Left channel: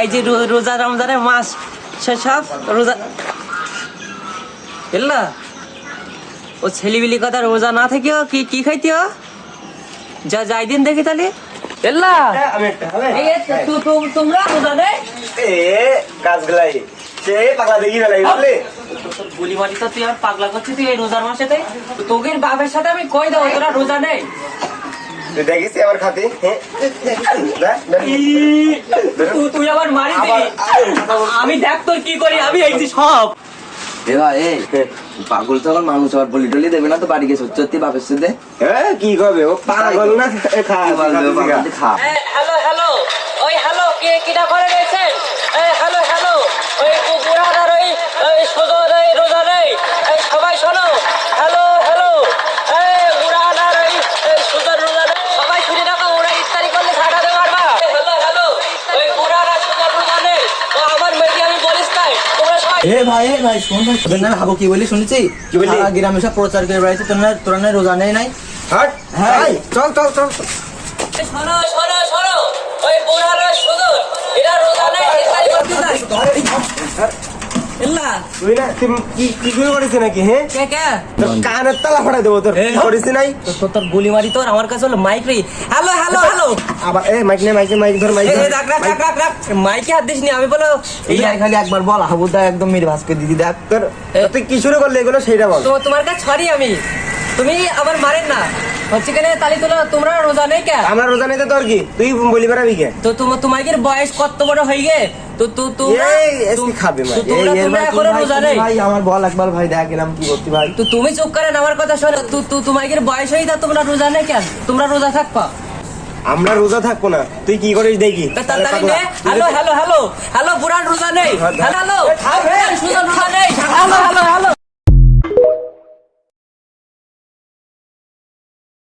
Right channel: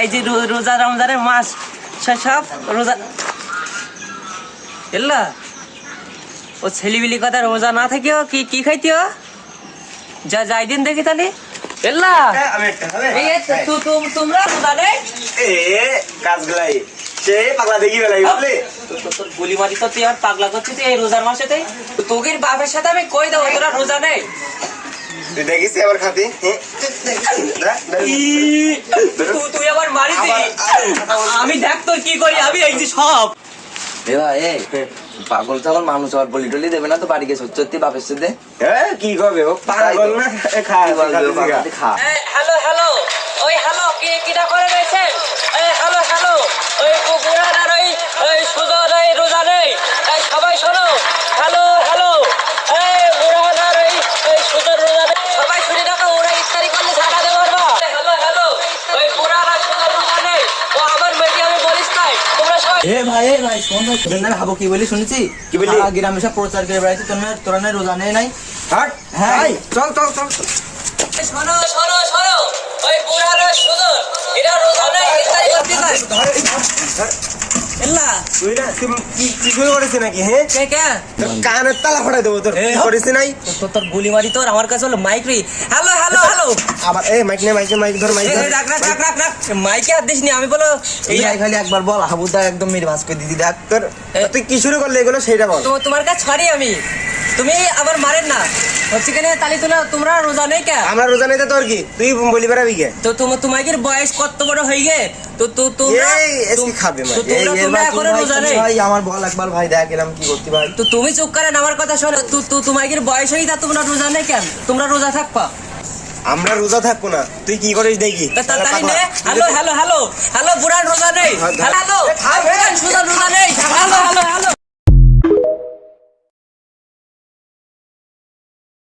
এই যে রোজা রমজানের মাস সব রোজা এল্লা ও ছেলিবিলি কথা রোজা না থেকেও কি খাইতেও যা যাই দিন দেখি তাহলে এল্লা তোমরা রোজা নেই গাছগুলাই সে পাগলা দেখি বেলাই বুঝলি গুলি মারি তো তুই আমার পাগলা করছিস তুই এই রোজার মাসেতে তোকে বাপের সাথে আমি কই দেবো তোরা রোজা নেই তুই দেখিস আমার খাতে তুই আবার মারি আমি দেখ তোর কি করি আমি এইছি সব পাগল ছাগল মানুষ আবার বলি টলি দেবে না তো বাড়ি গেছে সত্যি বাপের সাথে কি করবে ও পাগল না খা হ্যালো হ্যালো ওই হ্যালো কিটা করে রয়েছেন হ্যালো হ্যালো ওই বুড়ার আর ওই সুজন এই রোজা নেই সবাই শোনো হ্যালো হ্যালো বুড়ান আর ওই সুজন রোজা নেই সবাই শুনে রাখো ওরা ইফতারি করলে ছাড়াতে পারবা হ্যালো হ্যালো ওই বুড়ার আর সুজন রোজা নেই ও আমার মেয়েকে আমি বলিস তাই তোমরা সবাই ভাই শোন ভাই ভাবো কি বলি শুনেছি কি বলি গ্রামে সব প্রচার করে বেড়াইছে তোরা রোজা নেই নাই হাট হ্যাঁ চল শোনো শোনো শোনো ওই বুড়ার আর সুজন এরা রোজা নেই ইফতারি করতে চায় এল্লা তুই না কি শুরু করেছিস নাকি হ্যাঁ কে তোর কানের তালা ফাটাই দেবো তোর করিস নাই তোর গুলি মারি তোর আমার কাছে হলো মাইক রে হ্যালো হ্যালো হ্যালো আবার মাইক নে মাইক ধর মাইক ধর রাখ মাইকে হাত দিস নি আমি বলো এই খালি একবার বল হাবুদা একদম মেরে ভাস করে দিদি দেখ তোর তুই কি শুরু করলি এগুলো সেইটা বল তোমার কাছে ছড়ি আমি তুমি আবার মারেন না হচ্ছে কেন তালি তোলা তোমরা রোজা নেই কে আমরা রোজা নেই তোর কি তুই বলি বেড়াবি কে তো তোমাদের বয়স কত বড় হয়ে গে তো তোমরা খাবে তোমরা এখন রোজা নেই ভাই আমার বল একবার ভাই দেখ এরকম কি করতে ভাই তো তুমি চুপ করেন আমার কথা শোনো তোমাদের বয়স হয়ে তা তোমরা রোজা নেই কেন তোমরা রোজা থাকবা আমরা রোজা থাকবো না তুই কি করিস দেখি হ্যালো হ্যালো হ্যালো হ্যালো বুড়ান রোজা নেই হ্যালো সুজন রোজা নেই হ্যালো হ্যালো হ্যালো